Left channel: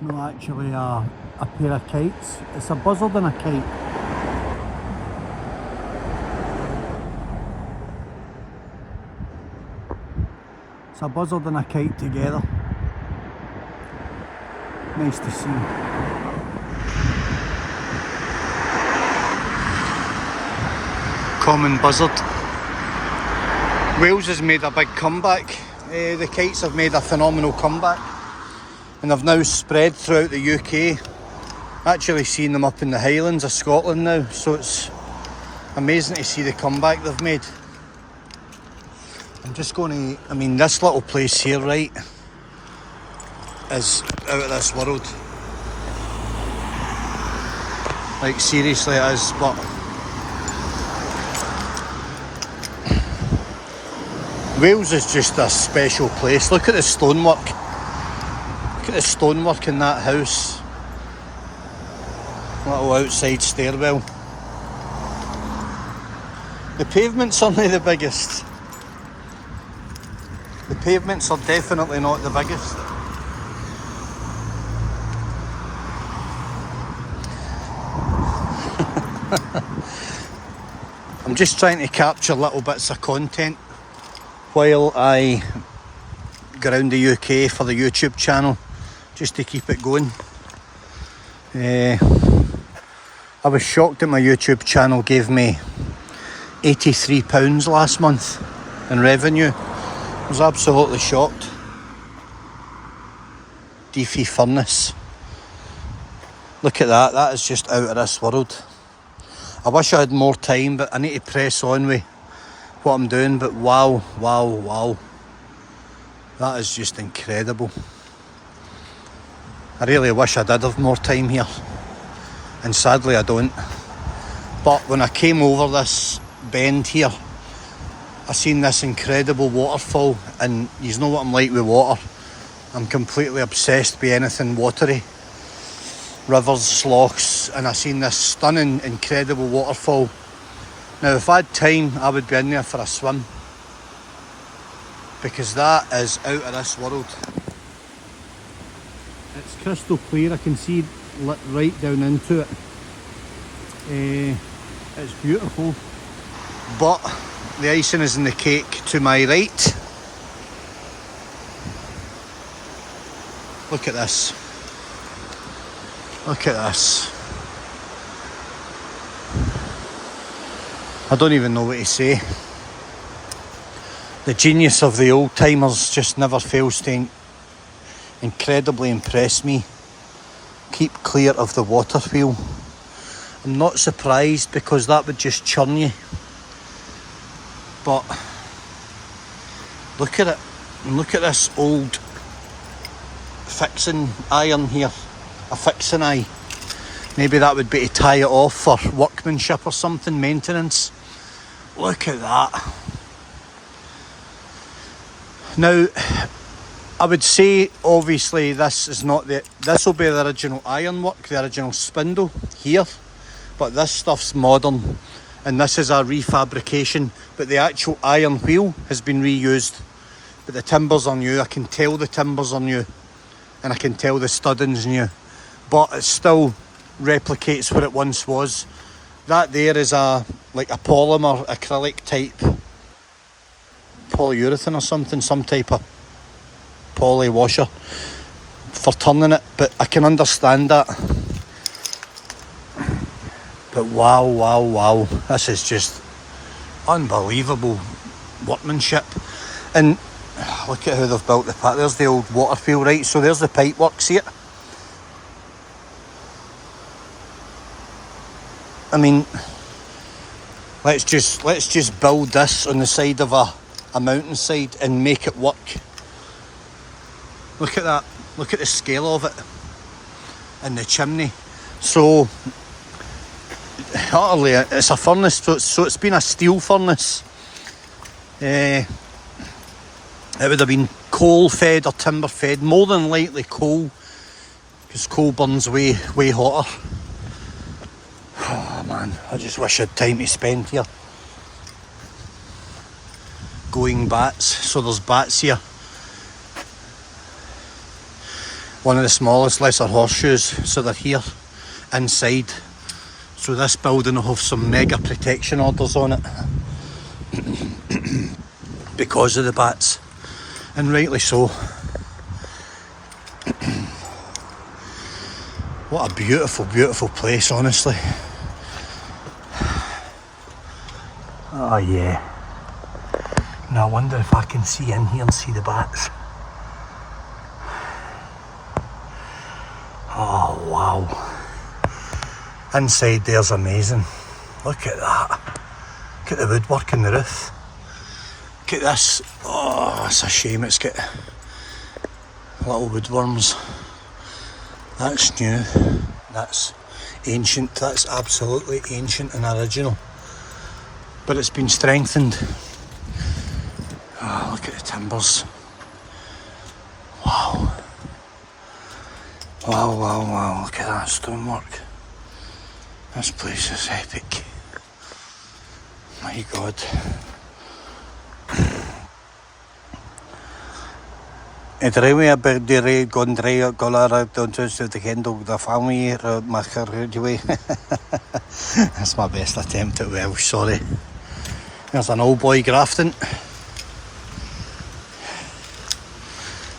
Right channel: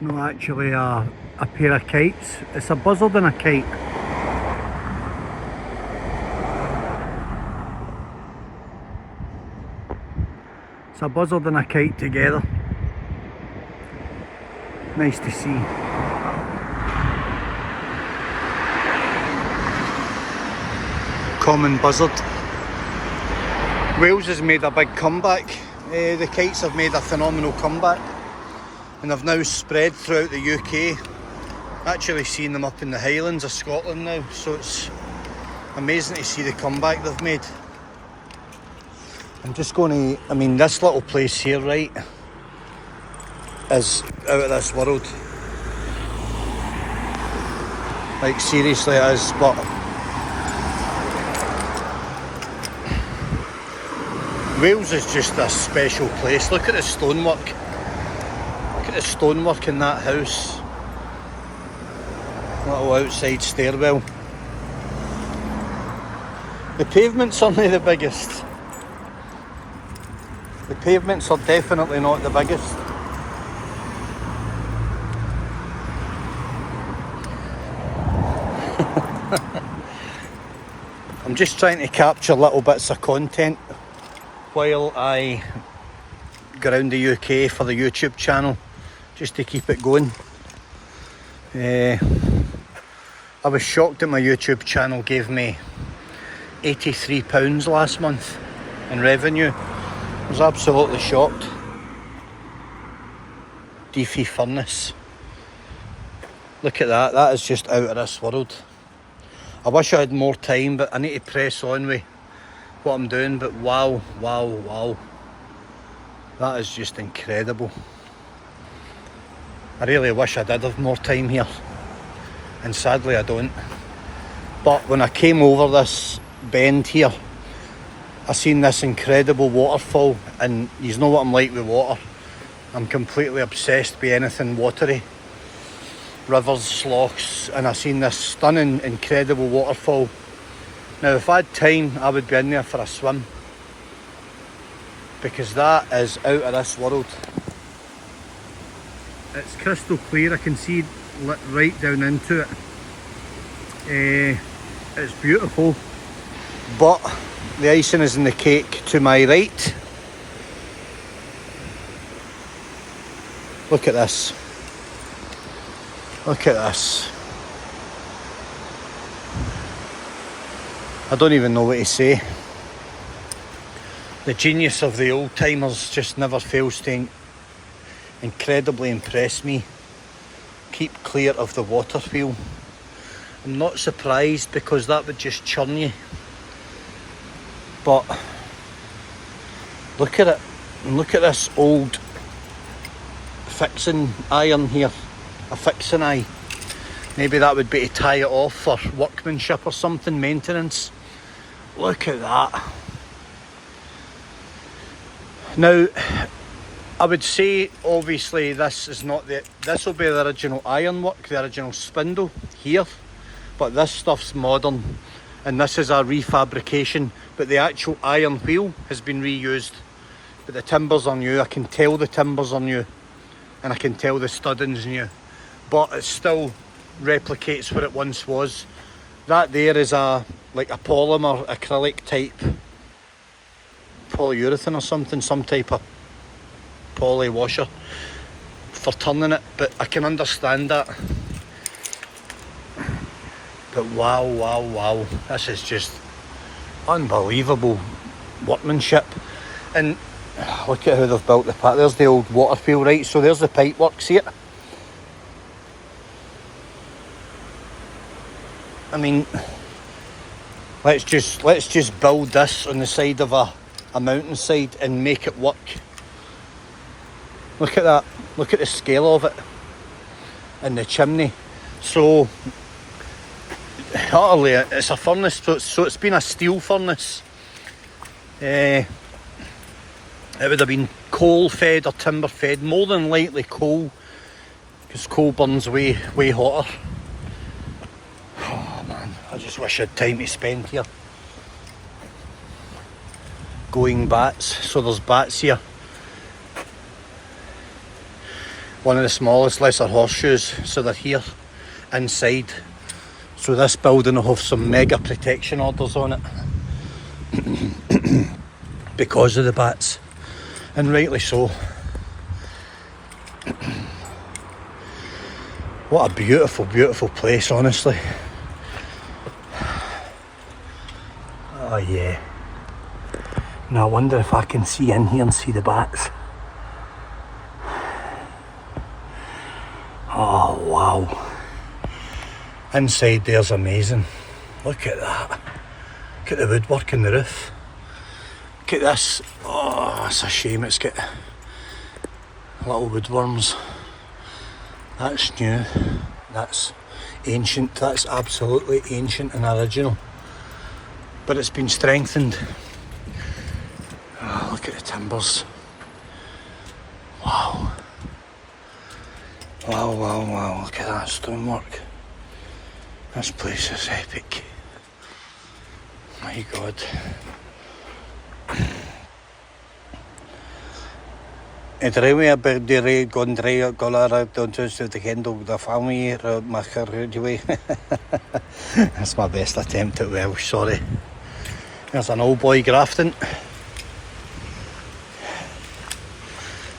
It's not actually a pair of kites, it's a buzzard and a kite. It's a buzzard and a kite together. Nice to see. Common buzzard. Wales has made a big comeback. The kites have made a phenomenal comeback and have now spread throughout the UK. Actually seeing them up in the Highlands of Scotland now, so it's amazing to see the comeback they've made. I'm just going to, this little place here, right, is out of this world. Like, seriously it is, but Wales is just a special place. Look at the stonework. Look at the stonework in that house. Little outside stairwell. The pavements aren't the biggest. The pavements are definitely not the biggest. I'm just trying to capture little bits of content while I go around the UK for the YouTube channel, just to keep it going. I was shocked that my YouTube channel gave me £83 last month in revenue. I was absolutely shocked. Deafy Furnace. Look at that, that is just out of this world. I wish I had more time, but I need to press on with what I'm doing. But wow, wow, wow. That is just incredible. I really wish I did have more time here. And sadly I don't. But when I came over this bend here, I seen this incredible waterfall, and you know what I'm like with water. I'm completely obsessed with anything watery. Rivers, sloughs, and I seen this stunning, incredible waterfall. Now if I had time, I would be in there for a swim, because that is out of this world. It's crystal clear, I can see lit right down into it. It's beautiful, but the icing is in the cake to my right. Look at this. Look at this. I don't even know what to say. The genius of the old timers just never fails to incredibly impress me. Keep clear of the water wheel. I'm not surprised, because that would just churn you. But look at it. And look at this old fixing iron here. A fixing eye. Maybe that would be to tie it off for workmanship or something, maintenance. Look at that. Now, I would say obviously this is not this will be the original ironwork, the original spindle here, but this stuff's modern and this is a refabrication, but the actual iron wheel has been reused. But the timbers are new. I can tell the timbers are new, and I can tell the studding's new, but it still replicates what it once was. That there is like a polymer acrylic type polyurethane or something, some type of poly washer for turning it, but I can understand that. But wow, wow, wow, this is just unbelievable workmanship. And look at how they've built the path. There's the old water wheel, right? So there's the pipe works here. I mean, let's just build this on the side of a mountainside and make it work. Look at that. Look at the scale of it. And the chimney. So, utterly, it's a furnace. So it's been a steel furnace. It would have been coal fed or timber fed. More than likely coal, because coal burns way hotter. Oh man, I just wish I had time to spend here. Going bats. So there's bats here. one of the smallest lesser horseshoes, so they're here inside. So this building will have some mega protection orders on it because of the bats, and rightly so. What a beautiful, beautiful place, honestly. Oh yeah. Now I wonder if I can see in here and see the bats. Oh wow. Inside there's amazing. Look at that. Look at the woodwork in the roof. Look at this. Oh, it's a shame it's got little woodworms. That's new. That's ancient. That's absolutely ancient and original. But it's been strengthened. Oh, look at the timbers. Wow. Wow, wow, wow. Look at that stonework. This place is epic. My God. Edrewi a dire gondre golara don't to the handle the family macher. That's my best attempt at Welsh, sorry. There's an old boy grafting.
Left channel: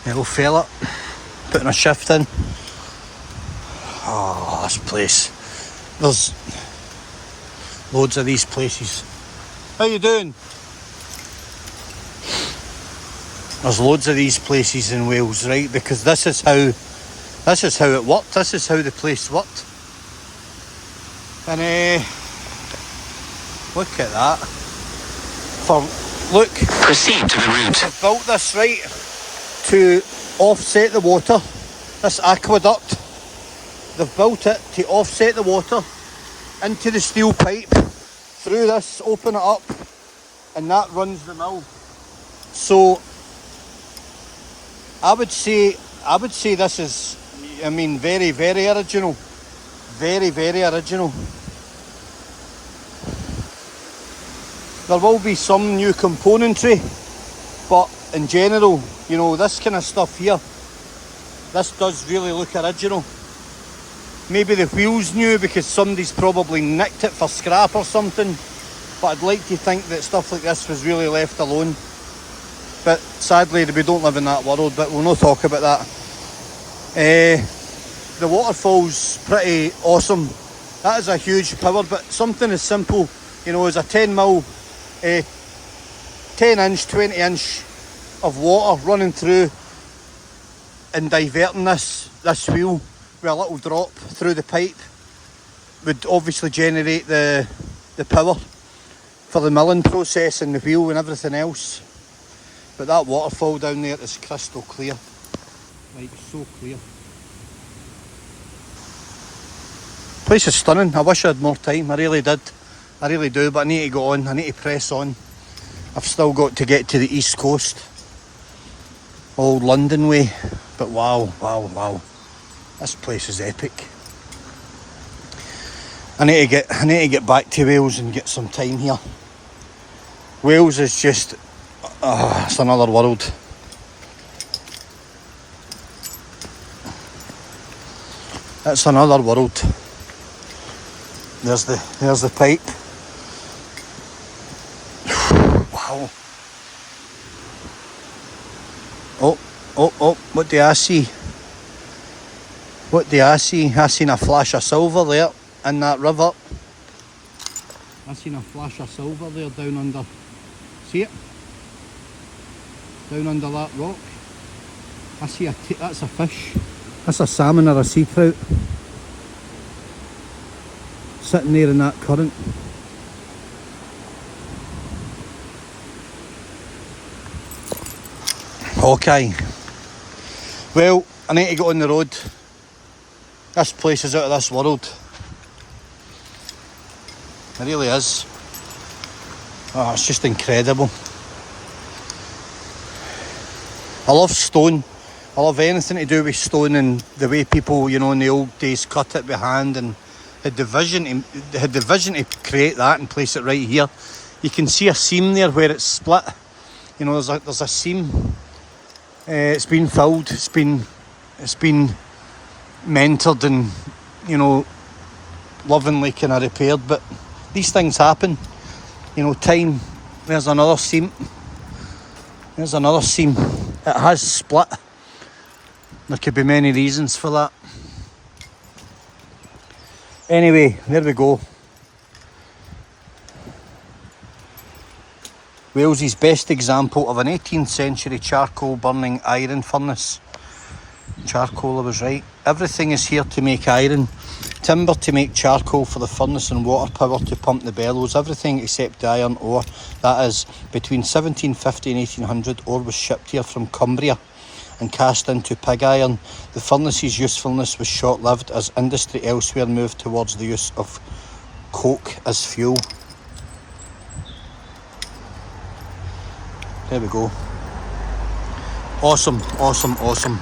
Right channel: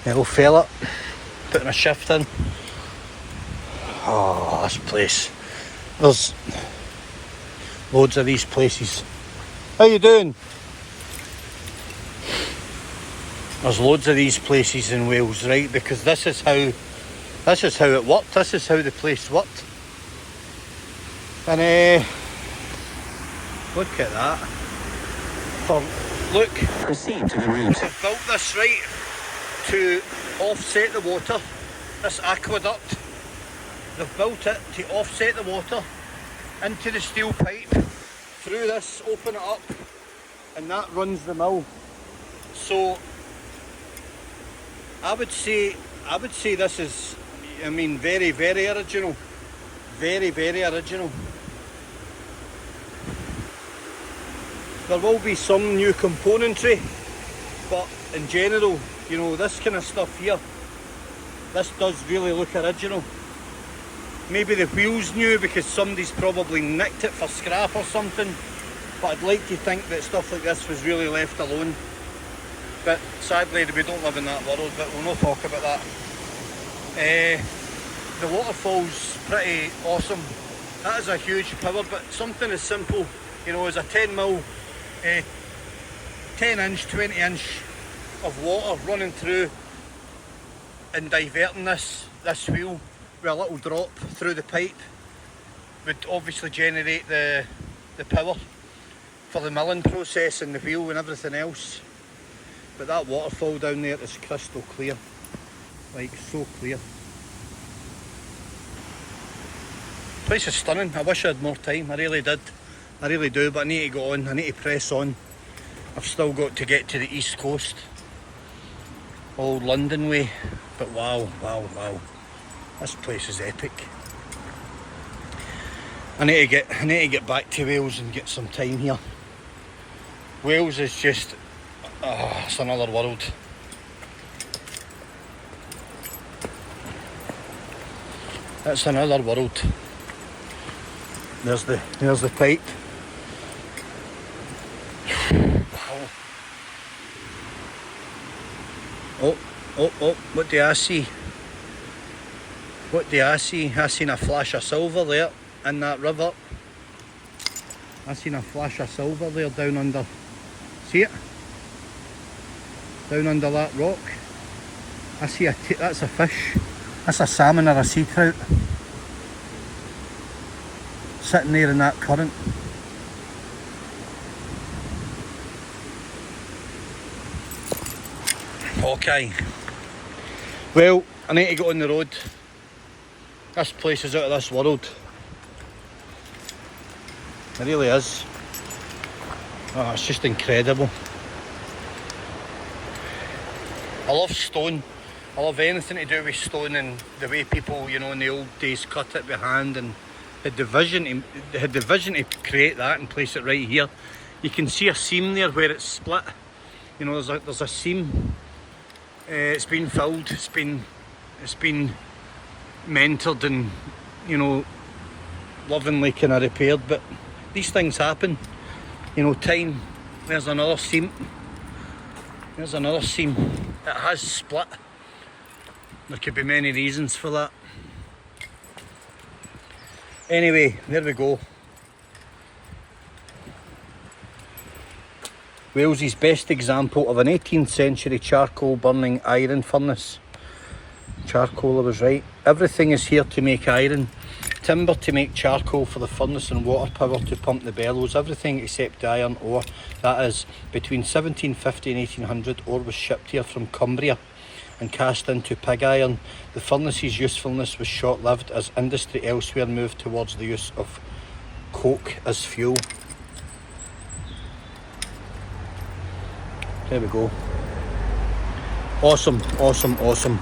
The old fella putting a shift in. Oh, this place. There's loads of these places. How you doing? There's loads of these places in Wales, right? Because this is how it worked. This is how the place worked. And look at that. Look. Proceed to the route. They've built this, right, to offset the water. This aqueduct. They've built it to offset the water into the steel pipe. Through this, open it up, and that runs the mill. So I would say this is, I mean, very, very original. Very, very original. There will be some new componentry, but in general, you know, this kind of stuff here, this does really look original. Maybe the wheel's new because somebody's probably nicked it for scrap or something, but I'd like to think that stuff like this was really left alone. But sadly we don't live in that world, but we'll not talk about that. The waterfall's pretty awesome. That is a huge power, but something as simple, you know, as a 10 inch, 20 inch of water running through and diverting this wheel with a little drop through the pipe would obviously generate the power for the milling process and the wheel and everything else. But that waterfall down there is crystal clear, like so clear. Place is stunning. I wish I had more time, I really did. I really do, but I need to go on, I need to press on. I've still got to get to the east coast, old London way, but wow, wow, wow. This place is epic. I need to get back to Wales and get some time here. Wales is just, it's another world. It's another world. There's the pipe. Wow. Oh, what do I see? What do I see? I seen a flash of silver there in that river. I seen a flash of silver there down under. See it? Down under that rock. I see that's a fish. That's a salmon or a sea trout. Sitting there in that current. Okay. Well, I need to get on the road. This place is out of this world. It really is. Oh, it's just incredible. I love stone. I love anything to do with stone and the way people, you know, in the old days cut it by hand and had the vision to create that and place it right here. You can see a seam there where it's split. You know, there's a seam. It's been filled. It's been it's been mentored and, you know, lovingly kind of repaired, but these things happen, you know. Time, there's another seam, it has split. There could be many reasons for that. Anyway, there we go. Wales's best example of an 18th century charcoal burning iron furnace. Charcoal, I was right. Everything is here to make iron. Timber to make charcoal for the furnace and water power to pump the bellows. Everything except the iron ore. That is, between 1750 and 1800, ore was shipped here from Cumbria and cast into pig iron. The furnace's usefulness was short-lived as industry elsewhere moved towards the use of coke as fuel. There we go. Awesome, awesome, awesome.